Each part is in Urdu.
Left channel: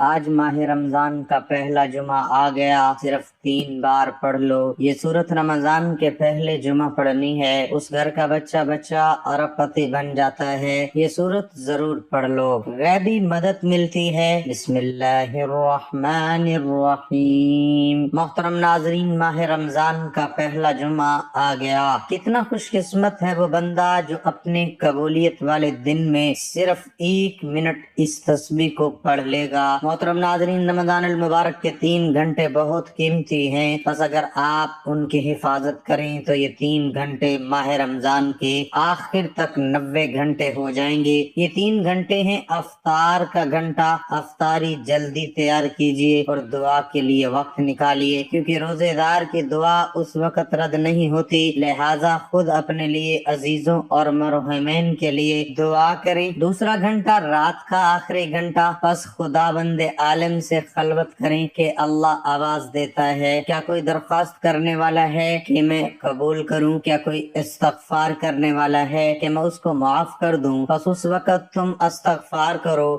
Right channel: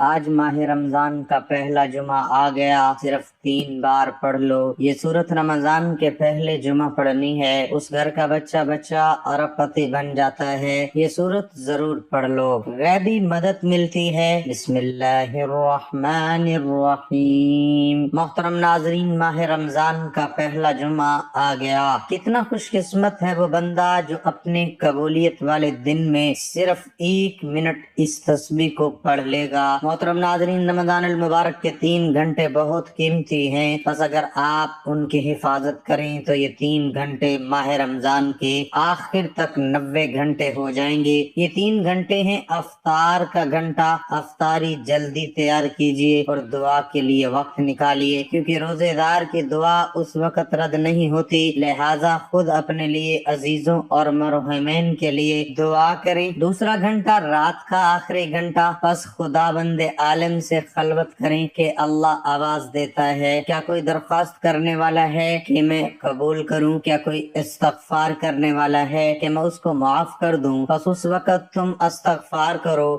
آج ماہ رمضان کا پہلا جمعہ آ گیا، صرف 3 بار پڑھ لو۔ یہ سورت رمضان کے پہلے جمعہ پڑھنی ہے، اس گھر کا بچہ اربپتی بن جاتا ہے۔ یہ سورت ضرور پڑھ لو، غیبی مدد ملتی ہے۔ بسم اللہ الرحمن الرحیم۔ محترم ناظرین، ماہ رمضان کا پہلا جمعہ آ گیا۔ کتنا خوش قسمت ہے وہ بندہ جو اپنے قبولیت والے دن میں صرف 1 منٹ اس تسبیح کو پڑھ لے گا۔ محترم ناظرین، رمضان المبارک کے 3 گھنٹے بہت قیمتی ہیں، بس اگر آپ ان کی حفاظت کریں تو یہ 3 گھنٹے ماہ رمضان کے آخر تک 90 گھنٹے ہو جائیں گے۔ یہ 3 گھنٹے ہیں افطار کا گھنٹہ۔ افطاری جلدی تیار کیجئے اور دعا کے لیے وقت نکالیے، کیونکہ روزے دار کی دعا اس وقت رد نہیں ہوتی، لہٰذا خود اپنے لیے، عزیزوں اور مرحومین کے لیے دعا کریں۔ دوسرا گھنٹہ رات کا آخری گھنٹہ، بس خدا بند عالم سے خلوت کریں کہ اللہ آواز دیتا ہے۔ کیا کوئی درخواست کرنے والا ہے کہ میں قبول کروں؟ کیا کوئی استغفار کرنے والا ہے کہ میں اس کو معاف کر دوں؟ بس اس وقت تم استغفار کرو۔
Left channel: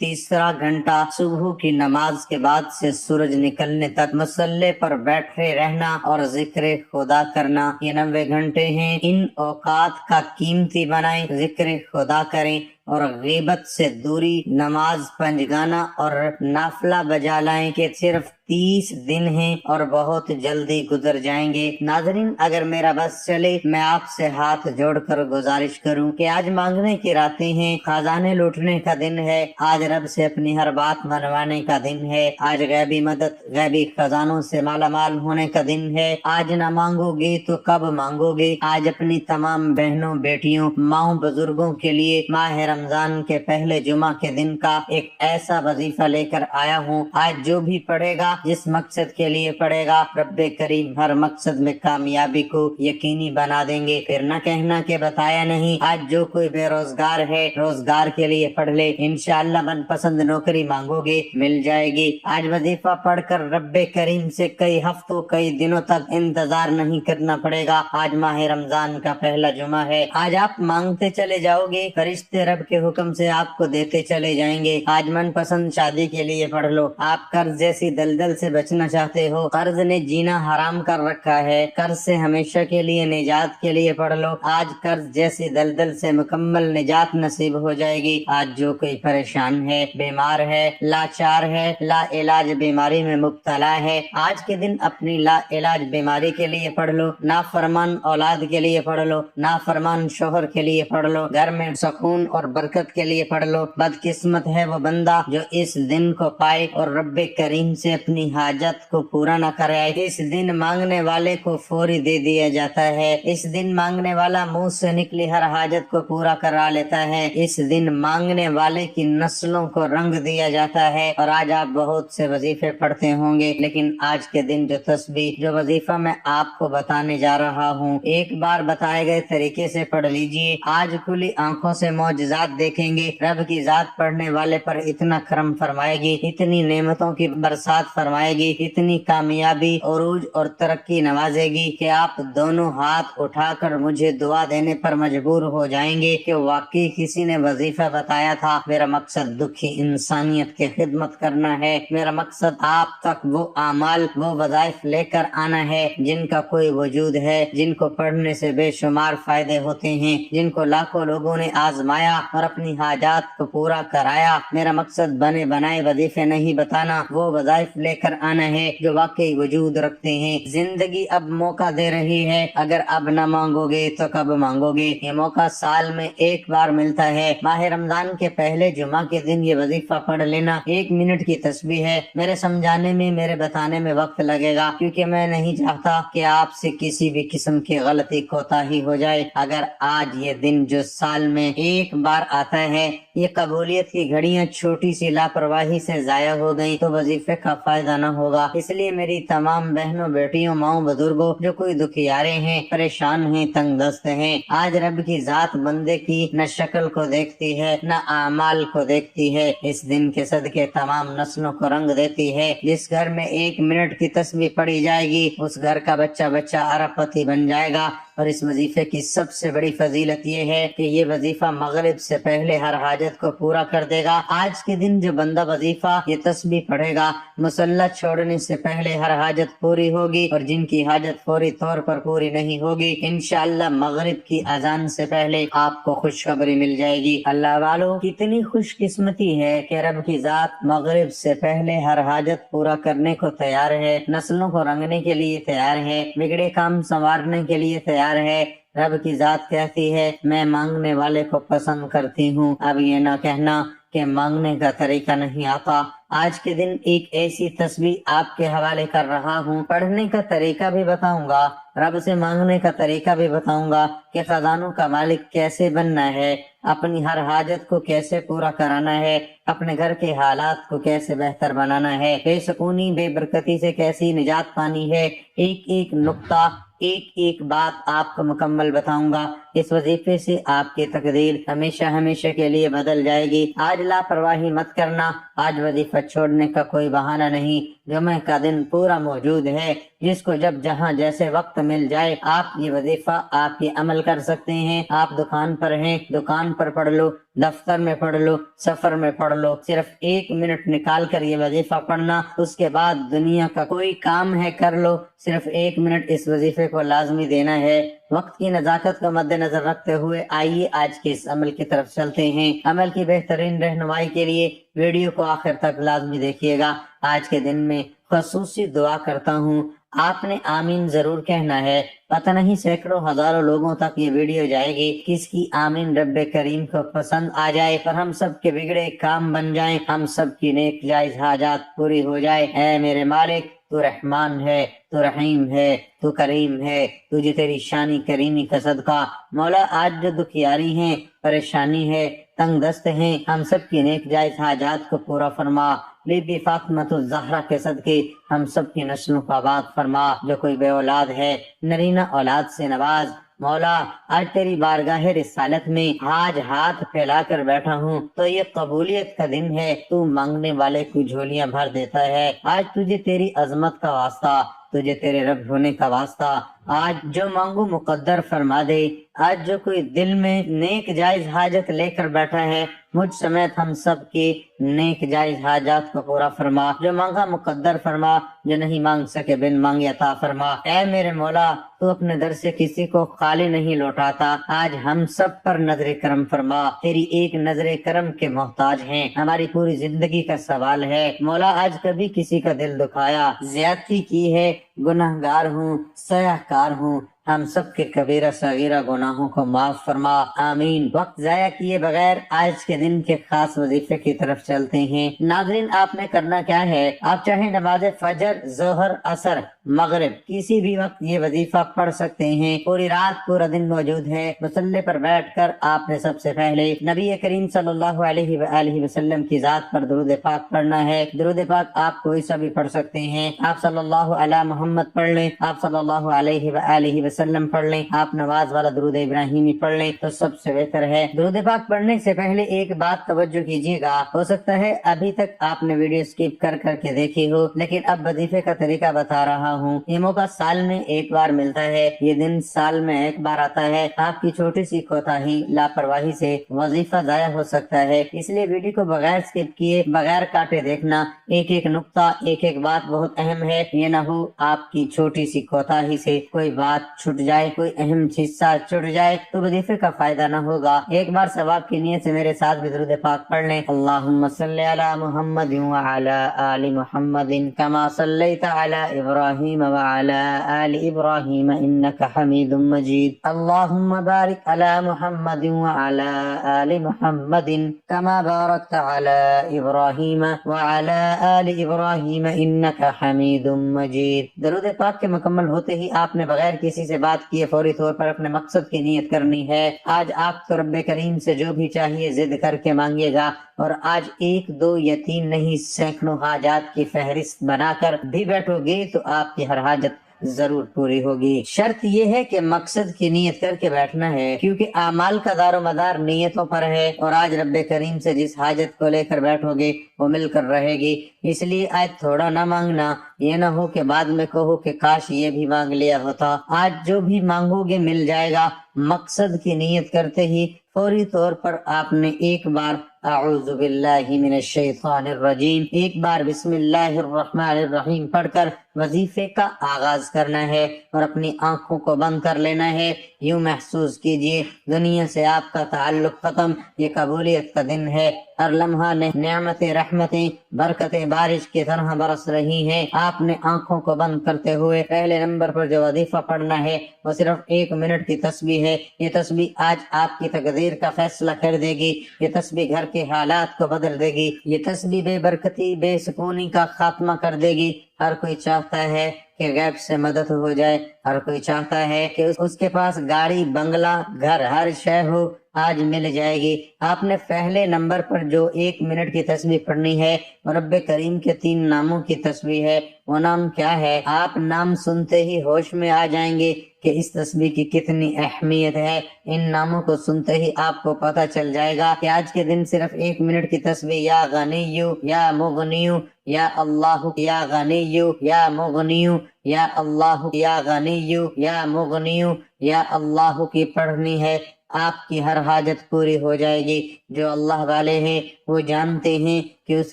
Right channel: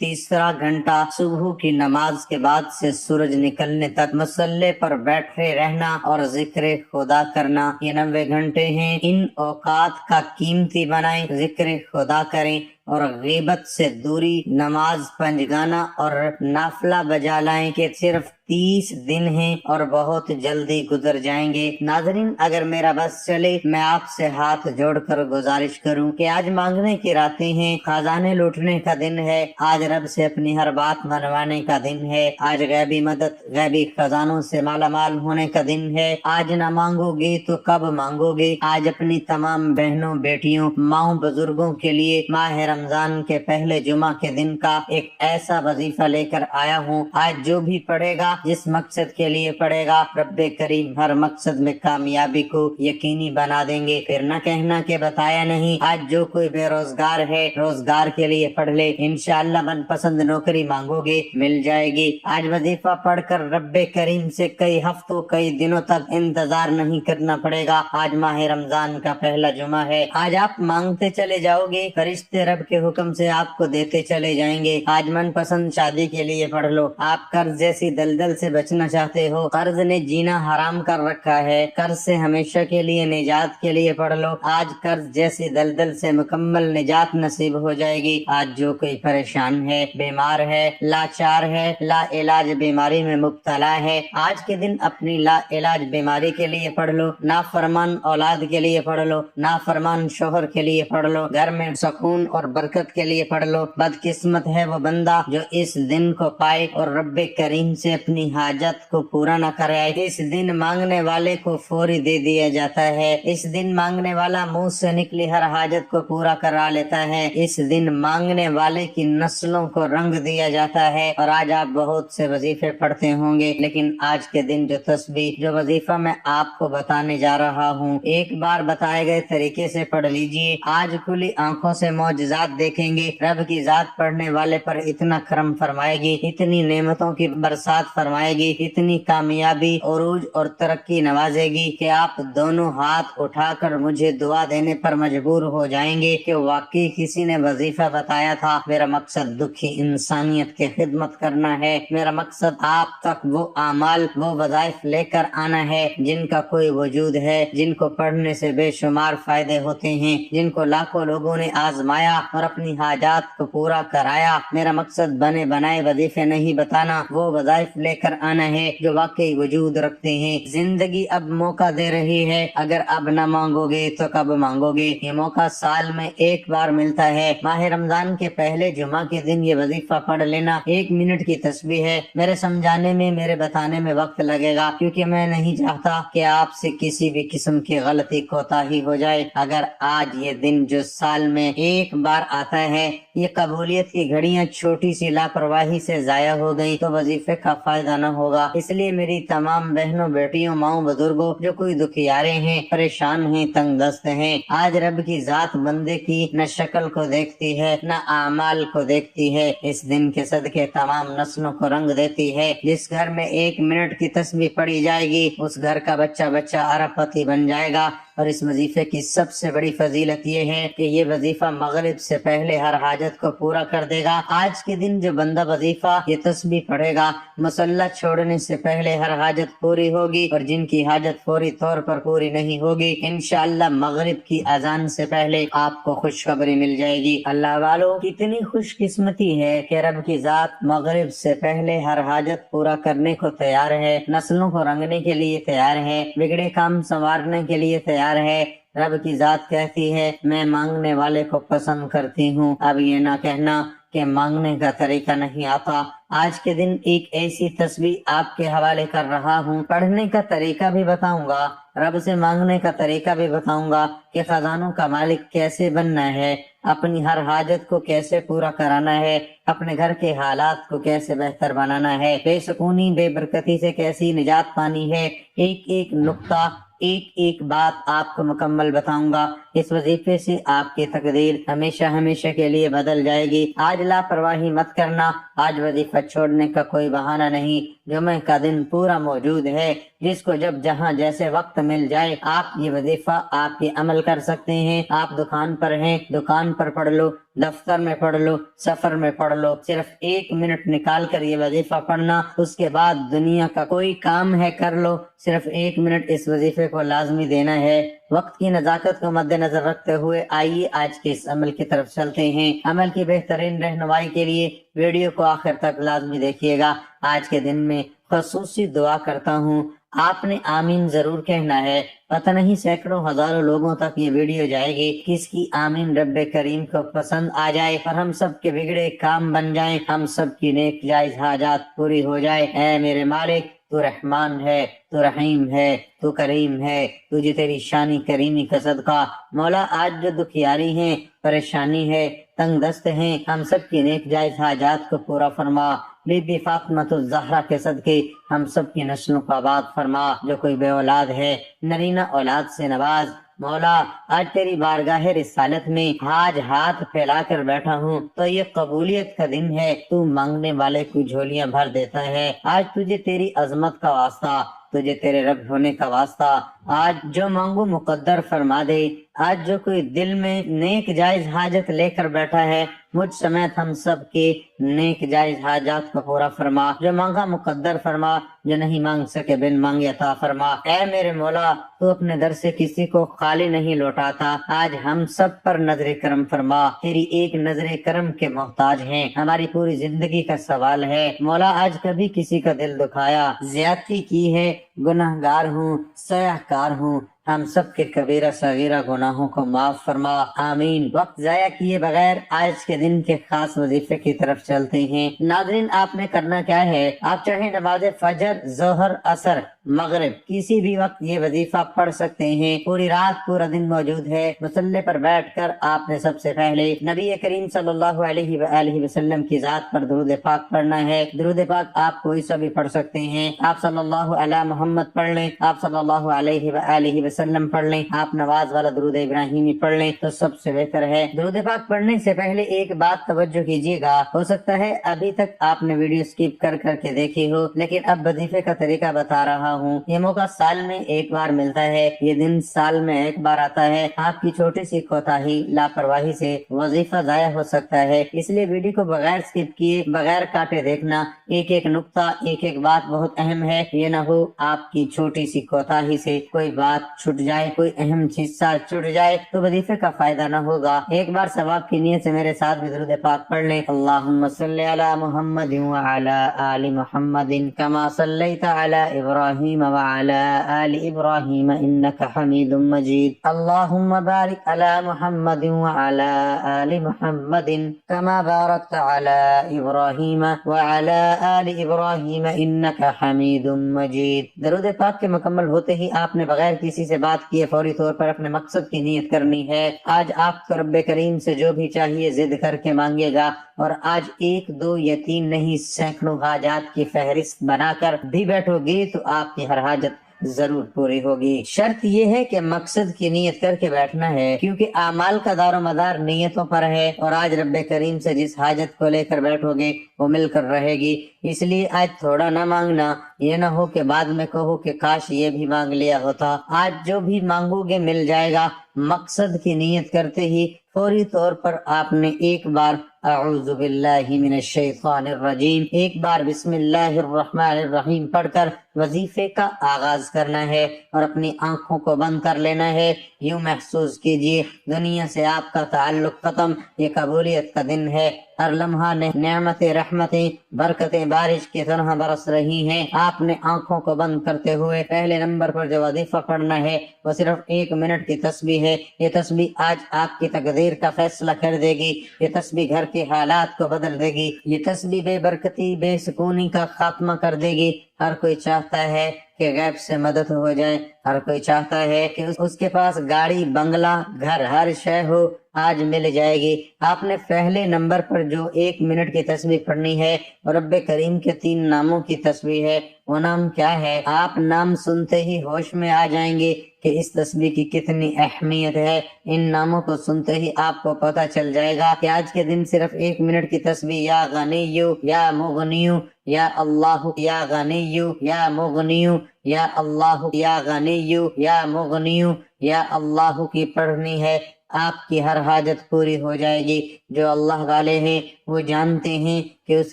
تیسرا گھنٹہ صبح کی نماز کے بعد سے سورج نکلنے تک مصلی پر بیٹھے رہنا اور ذکر خدا کرنا، یہ 90 گھنٹے ہیں۔ ان اوقات کا قیمتی بنائیں، ذکر خدا کریں اور غیبت سے دوری، نماز پنجگانا اور نافلہ بجا لائیں کہ صرف 30 دن ہیں اور بہت جلدی گزر جائیں گے۔ ناظرین، اگر میرا بس چلے، میں آپ سے ہاتھ جوڑ کر گزارش کروں کہ آج مانگنے کی راتیں ہیں، خزانے لوٹنے کا دن ہے، آج رب سے اپنی ہر بات منوانے کا دن ہے، آج غیبی مدد، غیبی خزانوں سے مالا مال ہونے کا دن ہے۔ آج نہ مانگو گے تو کب مانگو گے؟ آج اپنی تمام بہنوں، بیٹیوں، ماؤں، بزرگوں کے لیے ماہ رمضان کے پہلے جمعہ کے دن کا ایک ایسا وظیفہ لے کر آیا ہوں۔ آج جو بھی پڑھے گا، جس مقصد کے لیے پڑھے گا، رب کریم ہر مقصد میں کامیابی کو یقینی بنا دیں گے۔ پھر نہ کہنا کہ بتایا نہیں۔ آج جو کوئی بے روزگار ہے، روزگار کے لیے پڑھ لے، انشاءاللہ من پسند نوکری مانگو گے، مل جائے گی۔ آج وظیفہ پڑھ کر رب کریم سے کئی ہفتوں، کئی دنوں تک انتظار نہیں کرنا پڑے گا۔ آج ماہ رمضان کا پہلا جمعہ ہے۔ آج آپ مانگتے چلے جاؤ گے، فرشتے رب کے حکم سے آپ کو دیتے چلے جائیں گے۔ آج من پسند شادی کے لیے پڑھ لو۔ آپ قرض جیسی دلدل سے بچنا چاہتے ہو، قرض نے جینا حرام کر رکھا ہے، قرض سے ہمیشہ کے لیے نجات کے لیے پڑھ لو۔ آج قرض جیسی دلدل سے مکمل نجات نصیب ہو جائے گی۔ آج جو کوئی پریشان ہے، بیمار ہے، لاچار ہے، لا علاج بیماری میں مبتلا ہے، آج کے دن اپنی لا علاج بیماری کے لیے پڑھ لو، نافرمان اولاد کے لیے پڑھ لو، نافرمان شوہر کے لیے پڑھ لو، گھر میں سکون اور برکت کے لیے پڑھ لو۔ بدقسمت ہے وہ بندہ جو اس دن کو پائے اور رب کریم سے اپنی حاجت کو پورا نہ کرائے۔ اس دن مانگنے والے کو فوری دے دیا جاتا ہے۔ اس دن مانگنے والا منہ سے نکلی ہر حاجت کو پورا کرا لیتا ہے۔ اس دن مانگنے والے کی نسلوں کو رنگ دیا جاتا ہے۔ اور آج آپ بہت سے وظیفے پڑھتے ہوں گے، لیکن آج کے دن جو تسبیح، جو وظیفہ میں آپ کو بتانے جا رہا ہوں، ایک بار بتائے گئے طریقے سے پڑھ لیجئے۔ آج کھلی آنکھوں سے معجزات دیکھیں گے۔ رب کی ذات پڑھنے والے پر اتنا کرم فرمائے گی، اتنی نعمتوں کی برسات فرمائے گی، اتنی کامیابی، عروج اور ترقی نوازے گی کہ آپ دونوں ہاتھ اٹھا کر مجھے دعا دینے پر مجبور ہو جائیں گے کہ واقعی کسی نے وظیفہ بتایا تھا۔ میرا مقصد دکھی انسانیت کی خدمت کرنا ہے۔ میرا مقصد آپ تک وہ اعمال، وہ وظائف لے کر آنا ہے جن کا کوئی وجود ہے، جن کو پڑھنے سے بے شمار فائدے ہوتے ہیں، جن کو لاکھوں لوگوں نے آزمایا اور اپنی حاجات کو پورا کرایا۔ میرا مقصد بنے بنائے وظیفے نہیں بتانا، وہ وظائف لے کر آنا ہے جو واقعی وجود رکھتے ہیں۔ زندگی اب موقع دے رہی ہے، اگر اب نہ مانگو گے تو کب مانگو گے؟ یہ موقع سال میں ایک بار ملتا ہے۔ ماہ رمضان کے پہلے جمعہ کے دن یہ وظیفہ پڑھ لینا 1 منٹ کی تسبیح ہے۔ میرے سمجھانے میں، میرے بتانے میں وقت لگے گا، کیونکہ میں نہیں چاہتا کہ آپ سے کسی بھی قسم کی غلطی کوتاہی ہو جائے۔ اگر آج یہ دن جو سال میں ایک بار آتا ہے، یہ قبولیت کی گھڑیاں چھوٹی سی لاپرواہی سے ضائع ہو گئی تو وظیفے کا فائدہ نہ ہوگا۔ اس لیے میری تمام بہنوں، بیٹیوں، ماؤں، بزرگوں، جو کوئی دکھیارے ہیں، پریشان ہیں، تنگ دست ہیں، آج رب کی ذات بندے کی نہ شکل کو دیکھتی ہے، نہ اعمال کو دیکھتی ہے، اس دن کے صدقے تمام نسلوں کو رنگ دیتی ہے۔ جس گھر میں 1 منٹ کی تسبیح پڑھی جائے گی، اس گھر کا بچہ ارب پتی بن جائے گا۔ اور اس وظیفے کی سب سے بڑی فضیلت یہ ہے کہ یہ وظیفہ مغرب سے پہلے ہر حاجت کو پورا کر دے گا۔ آج کے دن جو بندہ وظیفہ یہ تسبیح پڑھے گا، مصلی چھوڑنے سے پہلے ہر حاجت پوری ہوگی، اور جن کی حاجت فوری طور پر پوری نہیں ہوگی انشاءاللہ مغرب کی اذان سے پہلے آپ کو خوشخبری مل جائے گی۔ اللہ والو، کتنی خوش قسمتی ہے کہ رب کی ذات مغرب سے پہلے ہر حاجت پورا کرنے کو تیار ہے، نسلوں کو رنگنے کے لیے تیار ہے، بگڑے کام سنوارنے کے لیے تیار ہے۔ رب کی ذات کہتی ہے میں مانگنے والے کو پسند کرتی ہوں۔ اب یہ نہ کہنا کہ مانگنے کا طریقہ نہیں آتا۔ آج کے دن ایک ایسی تسبیح آپ کے حوالے کر رہا ہوں، پڑھنے کا طریقہ بھی بتاؤں گا، رب سے مانگنے کا طریقہ بھی بتاؤں گا کہ خزانوں کا مالک کیسے بننا ہے، اپنی ہر حاجت کو کیسے پورا کرانا ہے، اپنے گھر کے حالات کو کیسے بہتر بنانا ہے، بے سکونی بے برکتی سے کیسی نجات پانی ہے۔ ایک ایک نقطہ، ایک ایک بات آپ کو مکمل بتاؤں گا۔ اس وظیفے سے آپ کی تقدیر ہمیشہ ہمیشہ کے لیے بدل جائے گی۔ آج لاپرواہی مت کرنا، آج وظیفہ چھوڑنے کا کوئی بہانہ نہیں۔ جمعہ کا دن پورا موجود ہے، جس کو جب جہاں جیسے وقت مل جائے آپ یہ وظیفہ آپ یہ عمل کر سکتے ہیں۔ آپ دکان پر ہیں، دکان پر پڑھ لو، دفتر میں پڑھ لو، سفر میں پڑھ لو، صرف 1 منٹ نکال کر یہ وظیفہ پڑھنا، اس کے بعد دنیا کا کوئی کام ہے کر لو، صرف 1 منٹ اس وظیفے کو لازمی دینا ہے۔ وقت کی نزاکت کو مد نظر رکھتے ہوئے آئیے آج کے اس عمل کی طرف چلتے ہیں۔ عمل کی بہترین رہنمائی کے لیے ویڈیو کو آخر تک لازمی دیکھیے گا۔ آج کے دن میں خصوصی دعا کرتا ہوں، آپ نے آمین ضرور کہنا ہے۔ پتہ نہیں سینکڑوں ہزاروں لوگوں تک یہ ویڈیو جائے گی، کس کی آمین رب کریم کو پسند آ جائے اور ہم سب کے بگڑے کام بن جائیں، ہم سب کی نیک جائز حاجات پوری ہو جائے۔ اے میرے مالک، تو رحمان ہے، تو رحیم ہے، تو کریم ہے، تجھے تیری شانی کریمی کا صدقہ۔ مولا، آج جو دکھیاری ہیں، پریشانی ہے، تنگ دست ہیں، ہم سب کی نیک جائز حاجات کو پورا فرما۔ بی بی فاطمۃ الزہرا کے صدقے ہم سب کی نسلوں کو آباد فرما۔ جو کوئی بے اولاد ہے، نرینہ اولاد سے نواز۔ مولا، آج تیری بارگاہ رسالت میں آج ہاتھ پھیلا کر بیٹھا ہوں تو یہ قبولیت کا دن ہے، تو مانگنے والے کو جھولیاں بھر دیتا ہے۔ آج تجھے تیری عظمت کا واسطہ، تجھے تیرے رب ہونے کا واسطہ، آج جو مانگو مقدر فرما دے۔ آج جو کوئی دل میں نیک جائز حاجت لے کر بیٹھا ہے، مجھ سمیت ہم سب کے نیک جائز حاجات کو پورا فرما۔ جو مانگا مقدر فرما، جو نہیں مانگ سکے بن مانگے عطا فرما۔ اے میرے مولا، تو اپنے در سے کسی کو خالی نہیں لوٹاتا، آج ہم سب پر نظر کرم فرما۔ تیری ایک نظر کرم کے محتاج ہیں، ہماری پوری زندگی کا سوال ہے۔ مولا، آج کبھی کسی کا دل دکھایا، زیادتی کی ہے، گناہ گار ہوں، سیاہ کار ہوں، ہم سب کے کبیرہ صغیرہ گناہوں کو معاف فرما، آمین۔ وقت ضائع کیے بغیر آج کے دن کے خاص وظیفے کی طرف چلتے ہیں۔ ناظرین، آپ نے کرنا کیا ہے، آپ چاہے نماز فجر، ظہر، عصر، مغرب کسی بھی وقت یہ وظیفہ پڑھ سکتے ہیں۔ پوری رات پورا دن موجود ہے۔ مصلی پر بیٹھ کر آپ نے سب سے پہلے نبی کریم صلی اللہ علیہ وآلہ وسلم کی ذات پر درود پاک پڑھنا ہے۔ درود پاک آپ کوئی سا بھی پڑھ سکتے ہیں۔ آپ صلی اللہ علی محمد پڑھ لیں، آپ صلی اللہ علیہ وآلہ وسلم پڑھ لیں، آپ نواز والا درود ابراہیمی پڑھ لیں تو سب سے بہتر ہے۔ درود پاک پڑھنے سے پہلے ایک بات توجہ کیجیے گا، ہو سکتا ہے ابھی تک آپ نے ویڈیو سکپ کر کر کے دیکھی ہو، لیکن اب وظیفے کا طریقہ بتا رہا ہوں۔ یہ موقع سال میں ایک بار ملتا ہے، یہ دن سال میں ایک بار آتا ہے۔ آپ کی چھوٹی سی کوتاہی، لاپرواہی سے وظیفہ ضائع ہو سکتا ہے، اس لیے ویڈیو کو بغیر سکپ کیے، بغیر کاٹے دیکھنا۔ ایک ایک نقطہ، ایک ایک بات بہت اہم ہے، یہ نہ ہو آپ کی چھوٹی سی کوتاہی سے کوئی بات چھٹ جائے، کوئی اہم حصہ چھٹ جائے تو وظیفے کا فائدہ نہ ہوگا۔ ایک بار ثواب کی نیت سے میرے ساتھ بھی درود پاک پڑھ لیں۔ اللہم صلی علی محمد وعلی آل محمد کما صلیت علی ابراہیم وعلی آل ابراہیم انک حمید مجید۔ اللہم بارک علی محمد وعلی آل محمد کما بارکت علی ابراہیم وعلی آل ابراہیم انک حمید مجید۔ درود پاک کے مکمل ہوتے ہی آپ نے بغیر کسی سے بات کیے فوری طور پر اپنے مقصد کی نیت کرنی ہے۔ آج آپ کو رب کریم سے جو بھی چاہیے ضد کر کے مانگے گا، اور آج 1 2 یا 3 نہیں، سینکڑوں حاجات کی فہرست بنا کر بھی بیٹھو گے تو آپ کی ہر حاجت ضرور پوری ہوگی۔ شرط یہ ہے کہ مقصد کی نیت کر کے بیٹھنا ہے، کیونکہ اعمال کا دار و مدار نیتوں پر ہے، اور آج رب کریم سے جس حاجت کو لے کر بیٹھو گے وہ مل کر رہے گی۔ اس لیے آج تھوڑا نہ مانگنا، یہ نہ ہو کہ بعد میں کہو کہ کاش یہ بھی مانگ لیا ہوتا۔ آج جو بھی مانگو گے مل جائے گا۔ مقصد کی نیت کرتے ہی فوری طور پر آپ نے ایک بار اعوذ باللہ من الشیطان الرجیم، ایک بار بسم اللہ الرحمن الرحیم پڑھ کر وظیفے کا آغاز کرنا ہے، اور اپنی آنکھوں کو بند کر لینا ہے۔ یوں محسوس کیجئے دنیا سے آپ کا تعلق ختم، یہ قبولیت کا دن ہے۔ ہر لمحہ نعمتیں، رحمتیں، برکتیں بارش کی طرح برس رہی ہیں۔ آپ نے آنکھوں کو بند کرتے ہوئے پہلے نمبر پر جو وظیفہ پڑھنا ہے وہ صرف 1 منٹ کی تسبیح ہے۔ یہ تسبیح آج آپ کی تقدیر کا فیصلہ کر دے گی۔ یہ تسبیح گھر کے حالات کو بدل دے گی۔ یہ تسبیح بے برکتی، بے سکونی کا خاتمہ کر دے گی۔ ہر کوئی چاہتا ہے کہ غیب سے مدد ہو جائے، ہر کوئی چاہتا ہے کہ اس کے پاس گاڑی، بنگلہ، گھر، ہر شے ہو، آج مل جائے گی۔ آپ نے پہلے نمبر پر جو 1 منٹ کی تسبیح پڑھنی ہے اور رب کریم کے 3 ناموں کی تسبیح ہے۔ وہ نام کیا ہے؟ آپ نام سنتے ہی ہوش میں آ جائیں گے کہ اس تسبیح کی کتنی اہمیت ہے۔ ان ناموں کو سنتے ہی آپ کو پتہ چل جائے گا کہ آج کے دن صرف 1 منٹ کی تسبیح یا غنیو یا مغنیو یا اللہ یا غنیو یا مغنیو یا اللہ یا غنیو یا مغنیو یا اللہ کی پڑھنی ہے۔ آپ کی ہر حاجت پوری ہو جائے گی۔ جو اللہ والے ہیں وہ جانتے ہیں کہ اس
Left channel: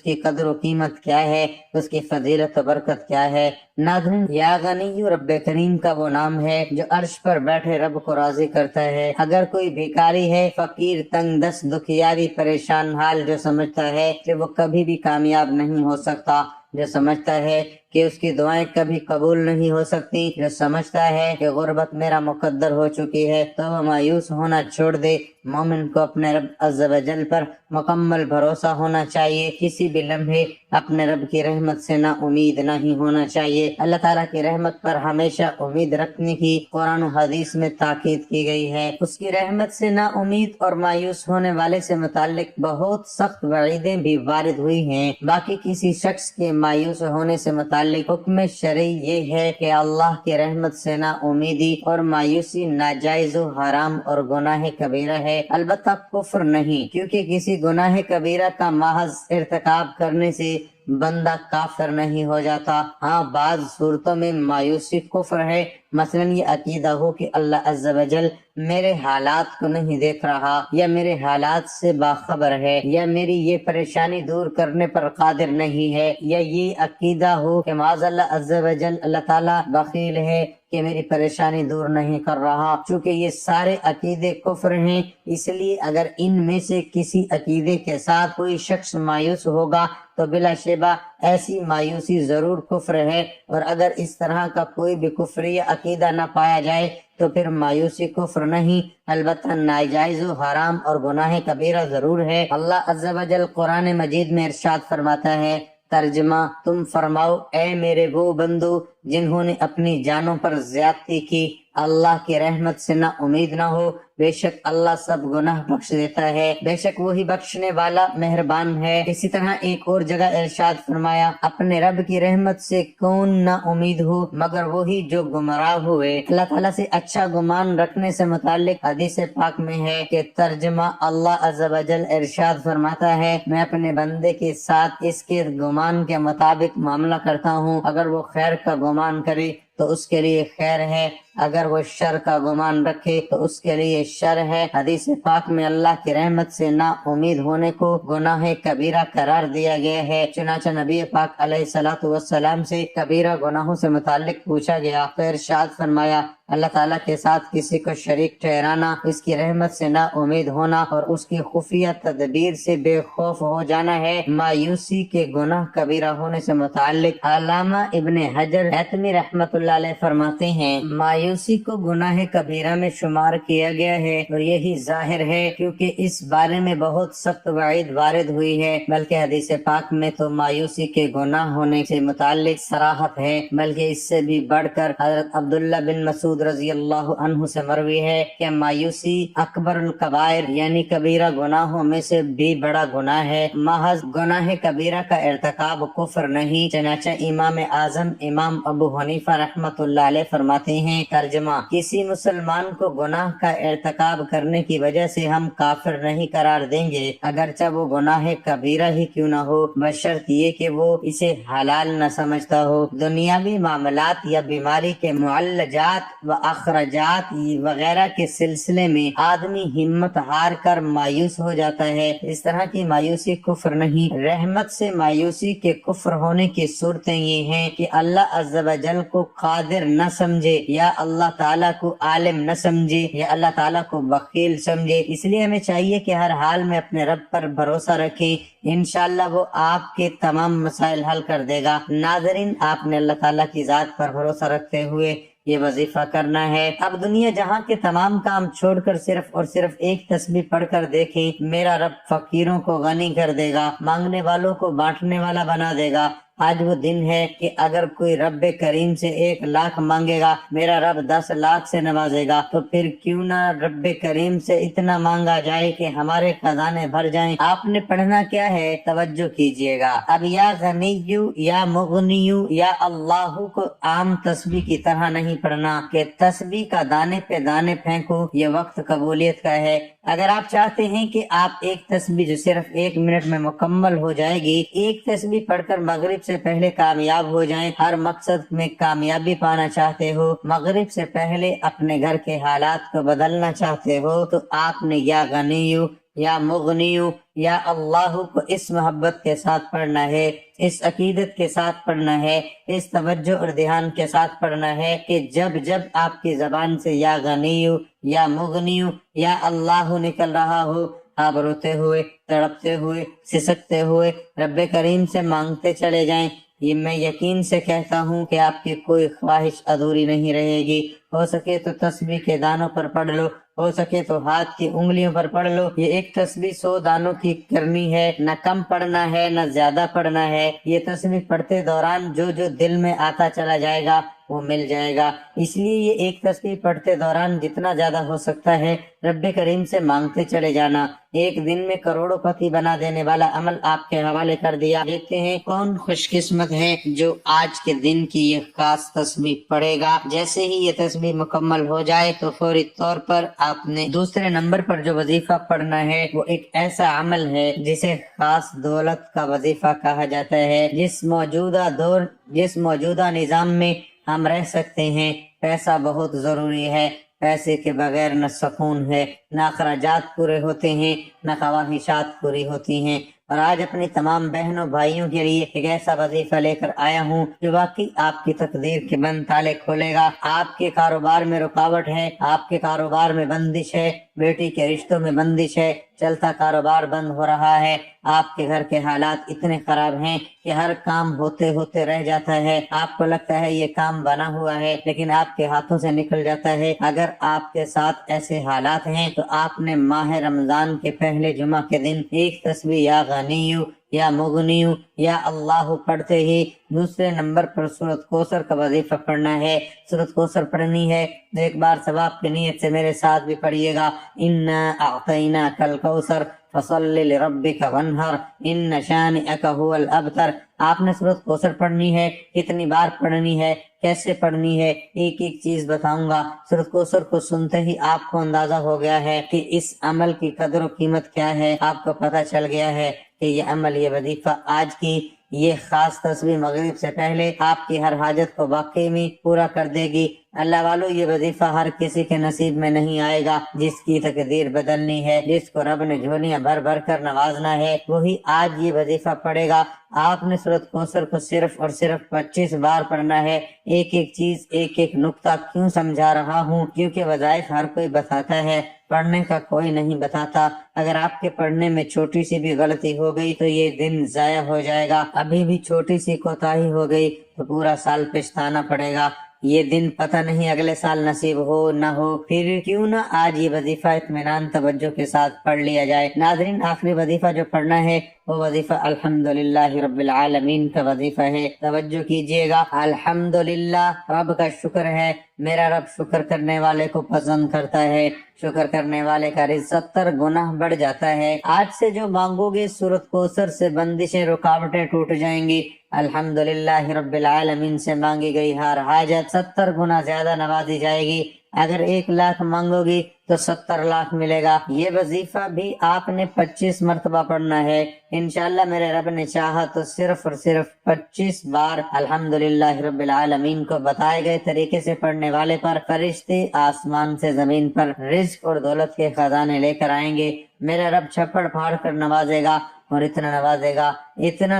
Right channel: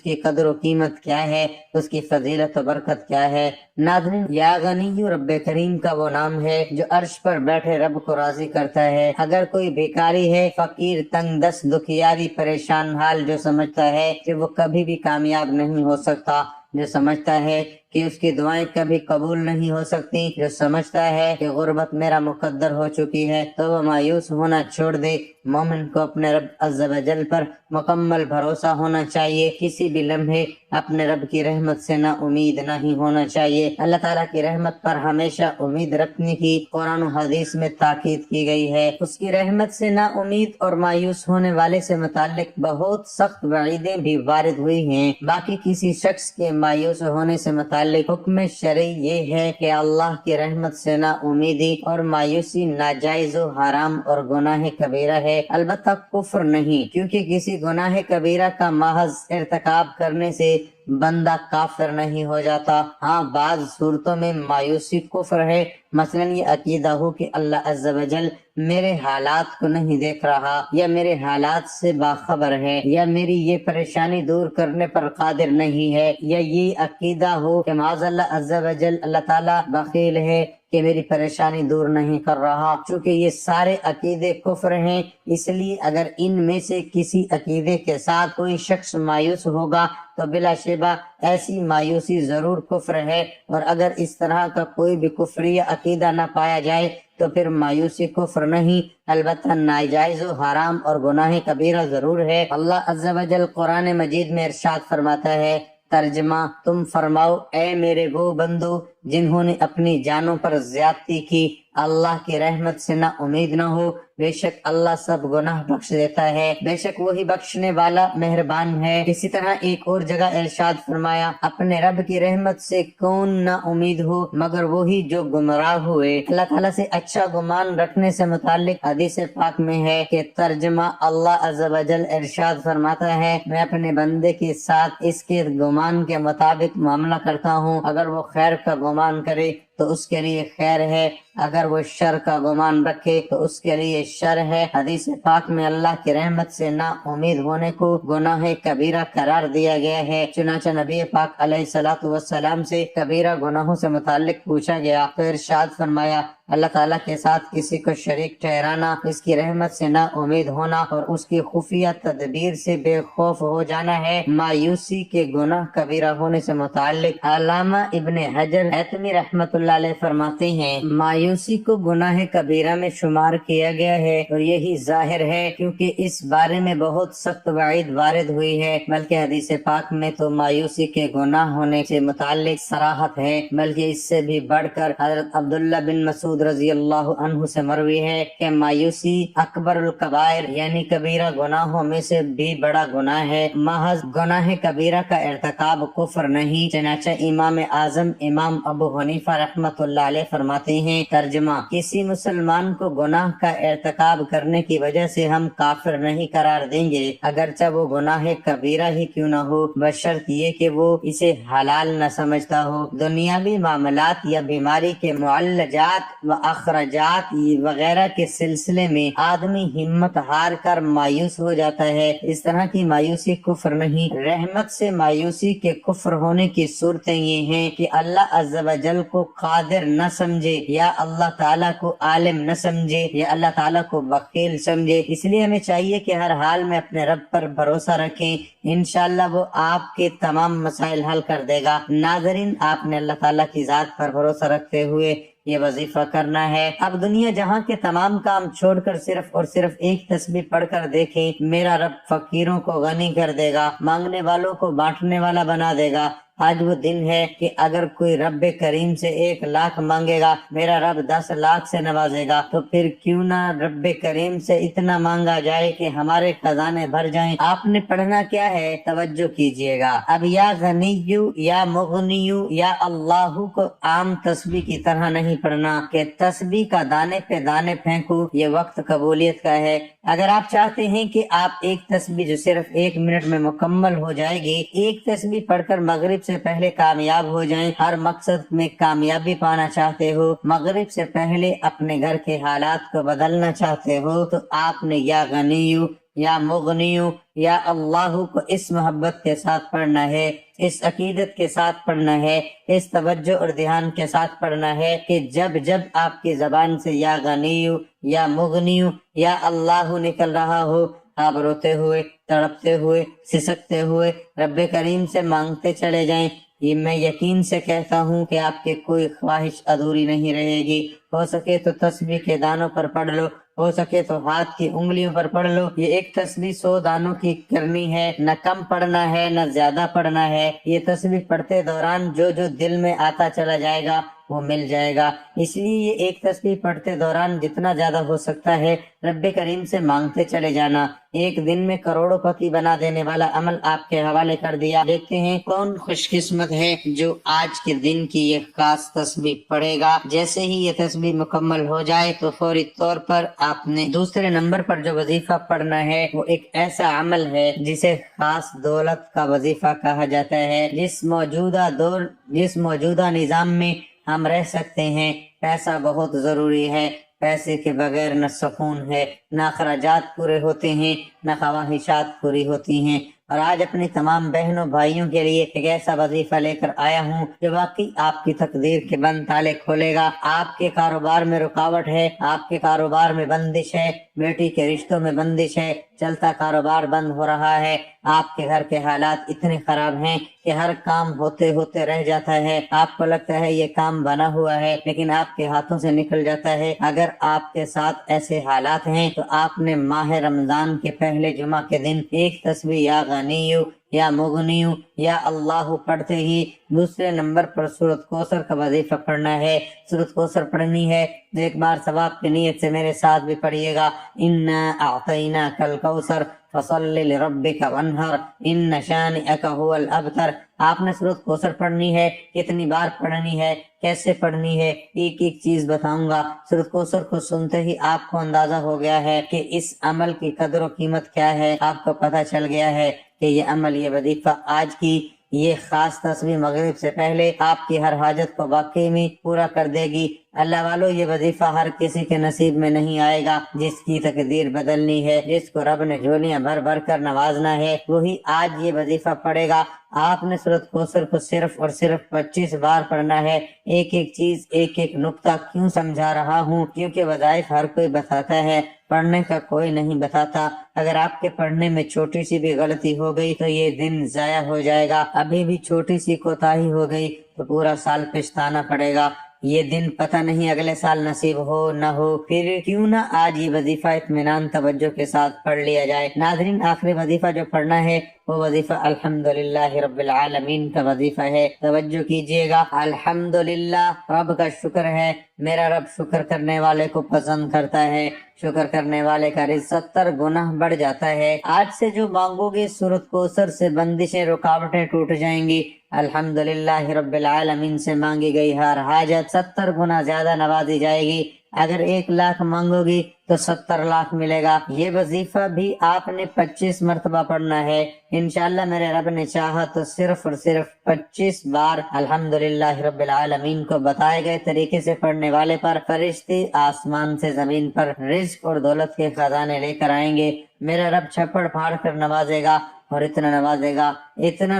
کی قدر و قیمت کیا ہے، اس کی فضیلت و برکت کیا ہے۔ ناظرین، یا غنی رب کریم کا وہ نام ہے جو عرش پر بیٹھے رب کو راضی کرتا ہے۔ اگر کوئی بھیکاری ہے، فقیر، تنگ دست، دکھیاری، پریشان حال، جو سمجھتا ہے کہ وہ کبھی بھی کامیاب نہیں ہو سکتا، جو سمجھتا ہے کہ اس کی دعائیں کبھی قبول نہیں ہو سکتی، جو سمجھتا ہے کہ غربت میرا مقدر ہو چکی ہے، تو وہ مایوس ہونا چھوڑ دے۔ مومن کو اپنے رب عز و جل پر مکمل بھروسہ ہونا چاہیے۔ کسی بھی لمحے اپنے رب کی رحمت سے نا امید نہیں ہونا چاہیے۔ اللہ تعالیٰ کی رحمت پر ہمیشہ امید رکھنے کی قرآن و حدیث میں تاکید کی گئی ہے۔ اس کی رحمت سے نا امید اور مایوس ہونے والے سے متعلق بہت سخت وعیدیں بھی وارد ہوئی ہیں۔ باقی کسی شخص کے مایوس ہونے سے متعلق حکم شرعی یہ ہے کہ اللہ کی رحمت سے نا امیدی اور مایوسی ناجائز و حرام اور گناہ کبیرہ ہے، البتہ کفر نہیں، کیونکہ کسی گناہ کبیرہ کا محض ارتکاب کرنے سے بندہ کافر نہیں ہو جاتا۔ ہاں، بعض صورتوں میں مایوسی کفر ہے، مثلا یہ عقیدہ ہو کہ اللہ عز و جل میرے حالات کو نہیں دیکھ رہا، یا میرے حالات سے باخبر ہے، یا میری یہ پریشانی دور کرنے پر قادر نہیں ہے، یا یہ عقیدہ ہو کہ معاذ اللہ عز و جل اللہ تعالیٰ بخیل ہے کہ میری پریشانی دور نہیں کر رہا۔ چونکہ یہ سارے عقیدے کفر ہیں، اس لیے اگر ان میں سے کسی عقیدے کے ساتھ کوئی شخص مایوس ہوگا تو بلا شبہ ایسی مایوسی ضرور کفر ہے، اور اگر اس طرح کا کوئی بھی کفری عقیدہ نہ پایا جائے تو پھر مایوسی کفر نہیں، البتہ ناجائز و حرام اور گناہ کبیرہ ضرور ہے۔ اللہ عز و جل قرآن مجید میں ارشاد فرماتا ہے، ترجمہ: تم فرماؤ اے میرے وہ بندو جنہوں نے اپنی جانوں پر زیادتی کی، اللہ کی رحمت سے نہ امید نہ ہو، بے شک اللہ سب گناہ بخش دیتا ہے، بے شک وہی بخشنے والا مہربان ہے۔ اسی طرح ایک اور جگہ ارشاد فرمایا، اپنے رب کی رحمت سے کون نہ امید ہو مگر وہی جو گمراہ ہوئے۔ اللہ تعالیٰ سے اچھا گمان رکھنے سے متعلق حدیث پاک میں ہے کہ ترجمہ: اللہ عز و جل ارشاد فرماتا ہے، میں اپنے بندے کے ساتھ اس کے گمان کے مطابق معاملہ کرتا ہوں، اگر وہ خیر کا گمان کرے تو اس کے لیے خیر ہے، اگر وہ شر کا گمان رکھے تو اس کے لیے شر ہے۔ حدیث پاک میں اللہ کی رحمت سے نا امید ہونے کو گناہ کبیرہ قرار دیا گیا ہے۔ چنانچہ نبی پاک علیہ الصلوۃ والسلام سے کبیرہ گناہوں سے متعلق پوچھا گیا تو ارشاد فرمایا، اللہ تعالیٰ کے ساتھ کسی کو شریک ٹھہرانا، اس کی رحمت سے نا امید ہونا اور اس کی خفیہ تدبیر سے بے خوف ہو جانا ہے۔ مایوسی کے گناہ کبیرہ ہونے سے متعلق علامہ ابن حجر حتمی رحمۃ اللہ علیہ فرماتے ہیں، مایوسی کو گناہ کبیرہ میں شمار کیا گیا ہے، اور یہی ظاہر ہے کیونکہ اس بارے میں بہت سخت وعید وارد ہوئی ہے، بلکہ حدیث پاک میں تو مایوسی کے گناہ ہونے سے متعلق صراحت ہے، بلکہ اس سے بھی بڑھ کر حضرت عبداللہ بن مسعود مسعود رضی اللہ عنہ سے مروی ہے کہ مایوسی اکبر الکبائر یعنی کبیرہ گناہوں میں سے بھی بڑا گناہ ہے، محض گناہ کبیرہ کا ارتکاب کفر نہیں۔ چنانچہ امام اعظم امام ابو حنیفہ رحمۃ اللہ علیہ فرماتے ہیں، ترجمہ: کسی مسلمان کو گناہ کا ارتکاب کرنے کی وجہ سے ہم کافر نہیں قرار دیں گے، اگرچہ وہ گناہ کبیرہ ہی کیوں نہ ہو، بشرط یہ کہ وہ اسے حلال نہ سمجھتا ہو۔ دنیاوی معاملات یا بیماری کے معالجات و اخراجات وغیرہ کے سلسلے میں آدمی ہمت ہار کر مایوس ہو جاتا ہے، اس طرح کی مایوسی کفر نہیں۔ رحمت سے مایوسی کے کفر ہونے کی صورتیں یہ ہیں کہ اللہ عز و جل کو قادر نہ سمجھے، یا اللہ تعالیٰ کو عالم نہ سمجھے، یا اللہ تعالیٰ کو بخیل سمجھے۔ اس لیے ہمیں چاہیے کہ ہر حال میں اپنے رب پر بھروسہ رکھیں، انشاءاللہ وہ آپ کے تمام مسائل حل کر دے گا۔ ناظرین، آپ نے اللہ تعالیٰ کی ذات پر بھروسہ رکھتے ہوئے یہ وظیفہ کرنا ہے۔ اب دنیا جہاں کے تمام کام چھوڑ کر صرف اور صرف ایک تسبیح پڑھ کر دیکھیں، میرا رب فقیروں کو غنی کر دے گا، مانگنے والوں کو بانٹنے والا بنا دے گا۔ آج وہ دن ہے کہ اگر کوئی رب کریم سے 1,00,000 مانگے گا، میرا رب 10,00,000 سے نوازے گا، تو پھر کیوں نہ رب کریم سے اتنا مانگا جائے کہ ہمارے خزانے بھر جائیں۔ آپ نے پڑھنا کیا ہے، توجہ کیجئے گا۔ اب یا غنیو یا مغنیو یا اللہ کو عام تسبیح کی طرح نہیں پڑھنا کہ تسبیح کا دانے پہ دانے پھینکو، یہ وقت قبولیت کا ہے۔ اگر آپ چاہتے ہیں کہ آپ ایک تسبیح جو صرف 1 منٹ میں مکمل ہو جائے گی، ایک تسبیح پڑھ کر مغرب سے پہلے کامیاب ہو جائیں، ہر مقصد میں کامیابی پانا چاہتے ہو، مغرب سے پہلے اپنے گھر کے حالات کو بدلنا چاہتے ہو، تو آپ نے یا غنیو یا مغنیو یا اللہ کو اس محبت کے ساتھ پڑھنا ہے، اس عقیدت کے ساتھ پڑھنا ہے، اس توجہ اور دھیان کے ساتھ پڑھنا ہے کہ جب جب آپ کی زبان سے یا غنیو یا مغنیو یا اللہ نکل رہا ہو، آپ روتے ہوئے، تڑپتے ہوئے، سسکتے ہوئے رب کریم سے مانگتے چلے جائیں۔ یہ میں یقین سے کہتا ہوں کہ آپ کی کوئی خواہش ادھوری نہیں رہے گی۔ ہو سکے تو تسبیح کے دانوں پر پڑھ لو، ہو سکے تو ہاتھ کی انگلیوں پر پڑھ لو۔ یہ ایک تسبیح 100 دانوں کی کرنی ہے، نہ کم پڑھنا ہے نہ زیادہ پڑھنا ہے۔ یہ تسبیح پڑھتے دوران جو جو دل میں آتا چلا جائے گا وہ مل جائے گا۔ اس لیے یہ ایک تسبیح پڑھتے دوران جتنا زیادہ ہو سکتا ہے رب کریم سے مانگتے چلے جانا۔ ایک دن میں کروڑوں پتی بنا دینے والا عمل آپ کے حوالے کر دیا۔ دیکھتے ہیں کون خوش قسمت ہے جو آج کے دن کی یہ خاص تسبیح پڑھے گا۔ جیسے ہی یہ تسبیح مکمل ہو جائے تو فوری طور پر آپ نے دوسرے نمبر پر جو وظیفہ پڑھنا ہے وہ ایک ایسا عمل ہے جسے خاص دولت کا وظیفہ کہا جاتا ہے۔ جس موجودہ نظام میں ہم رہ سکتے ہیں، پیسہ بہت ضروری ہے۔ پیسے کے بغیر نہ سکون ہے، نہ اخراجات پورے ہوتے ہیں، نہ خواہشات پوری ہوتی ہیں۔ اور آج اپنی تمام بہنوں بھائیوں کے لیے ایک ایسا وظیفہ لے کر آیا ہوں جو واقعی آپ کی تقدیر کے بند تالے کھولے گا۔ آپ کے کاروبار میں رکاوٹ ہے، آپ کے کاروبار میں بندش ہے، بیٹی کے رشتوں میں بندش ہے، چلتا کاروبار بند ہو رہا ہے، آپ کے گھر کے حالات اتنے خراب ہیں کہ ہر کام ہوتے ہوتے رہ جاتا ہے، آپ کو لگتا ہے یہ کام بنا ہوا ہے لیکن آپ کے ہاتھوں سے نکل جاتا ہے۔ اگر آپ کے ساتھ ایسے حالات ہیں تو آپ نے ماہ رمضان کے پہلے جمعہ کے دن ایک تسبیح یا غنیو یا مغنیو یا اللہ پڑھتے ہی دوسرے نمبر پر سورۃ کوثر کا وظیفہ پڑھنا ہے۔ سورۃ کوثر پڑھنی ہے تو ایک بار ثواب کی نیت سے میرے ساتھ بھی پڑھیے گا، انا اعطیناک الکوثر فصل لربک وانحر ان شانئک هو الابتر۔ آپ نے سورۃ کوثر پڑھنی ہے، کتنی بار پڑھنی ہے، کیسے پڑھنی ہے، ایک ایک چیز بتاؤں گا۔ سورۃ کوثر کو سنتے ہی آپ کو اندازہ ہو گیا ہے کہ اس عمل کی قدر و قیمت کیا ہے، آپ کو پتہ چل گیا ہے کہ یہ عمل، یہ وظیفہ، آج کی یہ خاص تسبیح مغرب سے پہلے آپ کی ہر حاجت کو واقعی میں پورا کر دے گی۔ اللہ والو، یہ وظیفہ ہر کسی کے نصیب میں نہیں آئے گا۔ جس کی تقدیر بدلنی ہے، جس کو رب نے جھولیاں بھر بھر کر نوازنا ہے، وہی آج یہ وظیفہ پڑھے گا۔ آپ نے سورۃ کوثر کو صرف اور صرف 25 بار پڑھنا ہے۔ ایک ایک چیز، ایک ایک نقطہ کیوں سمجھا رہا ہوں؟ کیونکہ وظائف ہر کوئی بتاتا ہے، پڑھنے کا کوئی نہیں بتاتا۔ اگر آپ کے پڑھنے میں چھوٹی سی بھی غلطی ہو گئی تو یہ دن ضائع ہو جائے گا، ابھی بھی چھوٹی سی کوتاہی ہو گئی تو پورا سال پچھتانا پڑے گا۔ یہ دن پتہ نہیں اگلے سال نصیب ہو نہ ہو، پھر کیوں نہ آج یہ وظیفہ اطمینان توجہ کے ساتھ پڑھ لیا جائے۔ ناظرین، آخری وظیفہ جو پڑھنا ہے وہ وظیفہ الحمدللہ رب العالمین کا وظیفہ ہے۔ توجہ کیجیے گا، الحمدللہ رب کا شکر ہے، میرا رب شکر کرنے والے کو پسند کرتا ہے، شکر کرنے والے کا رزق 70 گناہ بڑھ جاتا ہے۔ آج سے جو مانگو گے سورۃ کوثر سے بندشیں رکاوٹیں ٹوٹ جائیں گی۔ الحمدللہ رب العالمین سے مانگی گئی ہر حاجت 70 گنا زیادہ نوازی جائے گی۔ اگر 1 لاکھ مانگو گی تو 70 لاکھ ملے گا۔ یہ وظیفہ بھی آپ نے 25 مرتبہ پڑھنا ہے۔ انشاءاللہ میرے رب نے چاہا تو صرف اور صرف 25 بار الحمدللہ رب العالمین کو بتائے گئے طریقے سے پڑھنے والے پر فرشتے آسمان سے زمین پر رزق اور دولت کے خزانے لے کر آئیں گے۔ میرا رب چھپڑ پھاڑ کر نوازے گا، اور اتنا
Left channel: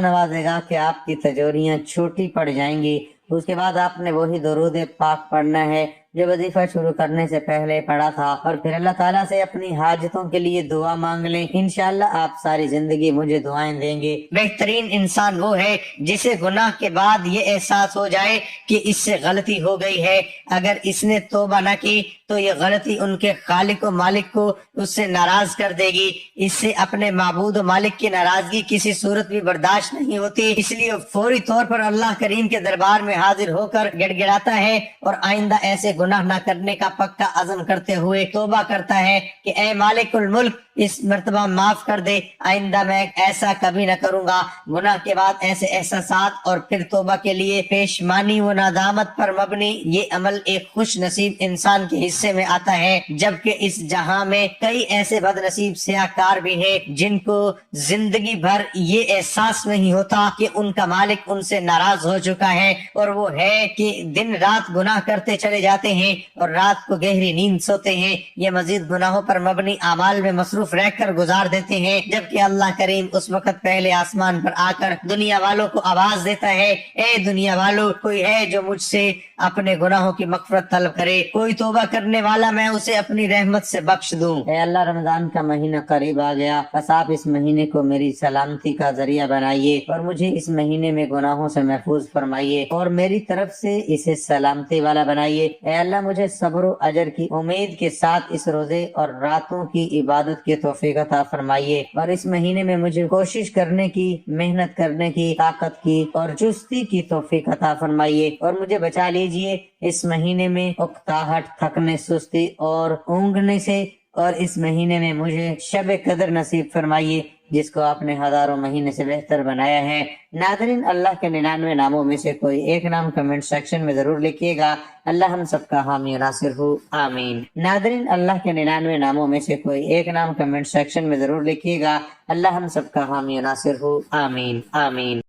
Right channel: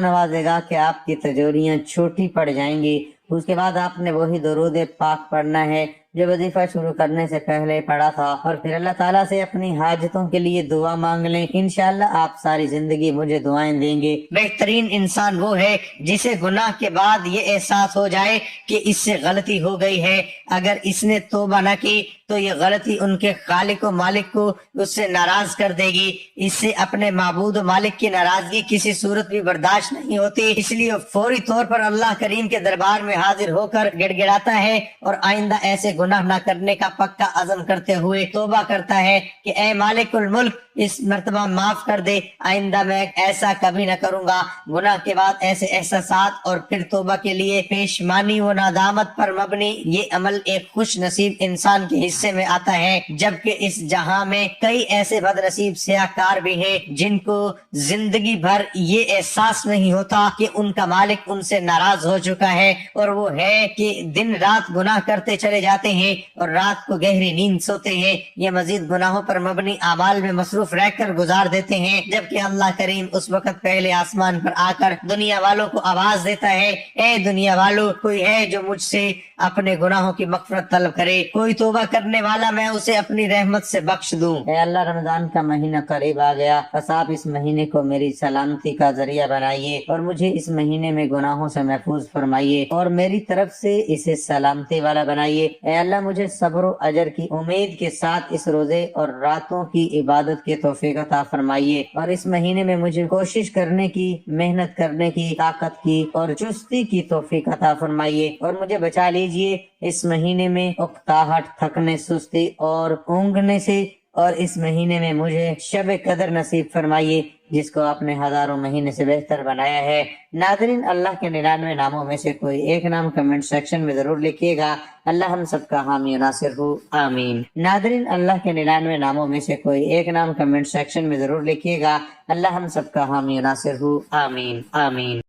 نوازے گا کہ آپ کی تجوریاں چھوٹی پڑ جائیں گی۔ اس کے بعد آپ نے وہی درود پاک پڑھنا ہے جو وظیفہ شروع کرنے سے پہلے پڑھا تھا، اور پھر اللہ تعالیٰ سے اپنی حاجتوں کے لیے دعا مانگ لیں۔ انشاءاللہ آپ ساری زندگی مجھے دعائیں دیں گے۔ بہترین انسان وہ ہے جسے گناہ کے بعد یہ احساس ہو جائے کہ اس سے غلطی ہو گئی ہے، اگر اس نے توبہ نہ کی تو یہ غلطی ان کے خالق و مالک کو اس سے ناراض کر دے گی۔ اس سے اپنے معبود و مالک کی ناراضگی کسی صورت بھی برداشت نہیں ہوتی، اس لیے فوری طور پر اللہ کریم کے دربار میں حاضر ہو کر گڑ گڑاتا ہے، اور آئندہ ایسے گناہ نہ کرنے کا پکا عزم کرتے ہوئے توبہ کرتا ہے کہ اے مالک الملک اس مرتبہ معاف کر دے، آئندہ میں ایسا کبھی نہ کروں گا۔ گناہ کے بعد ایسے احساسات اور پھر توبہ کے لیے پیشمانی و ندامت پر مبنی یہ عمل ایک خوش نصیب انسان کے حصے میں آتا ہے، جبکہ اس جہاں میں کئی ایسے بد نصیب سیاہکار بھی ہیں جن کو زندگی بھر یہ احساس نہیں ہوتا کہ ان کا مالک ان سے ناراض ہو چکا ہے، اور وہ ہے کہ دن رات گناہ کرتے چلے جاتے ہیں اور رات کو گہری نیند سوتے ہیں، یہ مزید گناہوں پر مبنی اعمال میں مصروف رہ کر گزار دیتے ہیں، جبکہ اللہ کریم اس وقت پہلے آسمان پر آ کر دنیا والوں کو آواز دیتا ہے، اے دنیا والوں، کوئی ہے جو مجھ سے اپنے گناہوں کی مغفرت طلب کرے، کوئی توبہ کرنے والا میں اسے اپنی رحمت سے بخش دوں۔ اے اللہ، رمضان کا مہینہ قریب آ گیا، بس آپ اس مہینے کو میری سلامتی کا ذریعہ بنائیے، اور مجھے اس مہینے میں گناہوں سے محفوظ فرمائیے، اور میری طرف سے اسے سلامتی والا بنائیے۔ اے اللہ، مجھے صبر و اجر کی امید کے ساتھ اس روزے اور راتوں کی عبادت کی توفیق عطا فرمائیے، اور اس مہینے میں مجھے کوشش کرنے کی، محنت کرنے کی، طاقت کی اور چستی کی توفیق عطا فرمائیے، اور مجھے بچا لیجئے اس مہینے میں اکتاہٹ، تھکنے، سستی اور اونگنے سے، اور اس مہینے میں مجھے شب قدر نصیب فرمائیے جس کو آپ نے ہزاروں مہینے سے بہتر بنایا ہے۔ ناظرین، اللہ کے 99 ناموں میں سے کوئی ایک نام کمنٹ سیکشن میں ضرور لکھیے گا۔ اللہ ہم سب کا حامی و ناصر ہو، آمین۔ ناظرین، اللہ کے 99 ناموں میں سے کوئی ایک نام کمنٹ سیکشن میں ضرور لکھیے گا۔ اللہ ہم سب کا حامی و ناصر ہو، آمین، آمین۔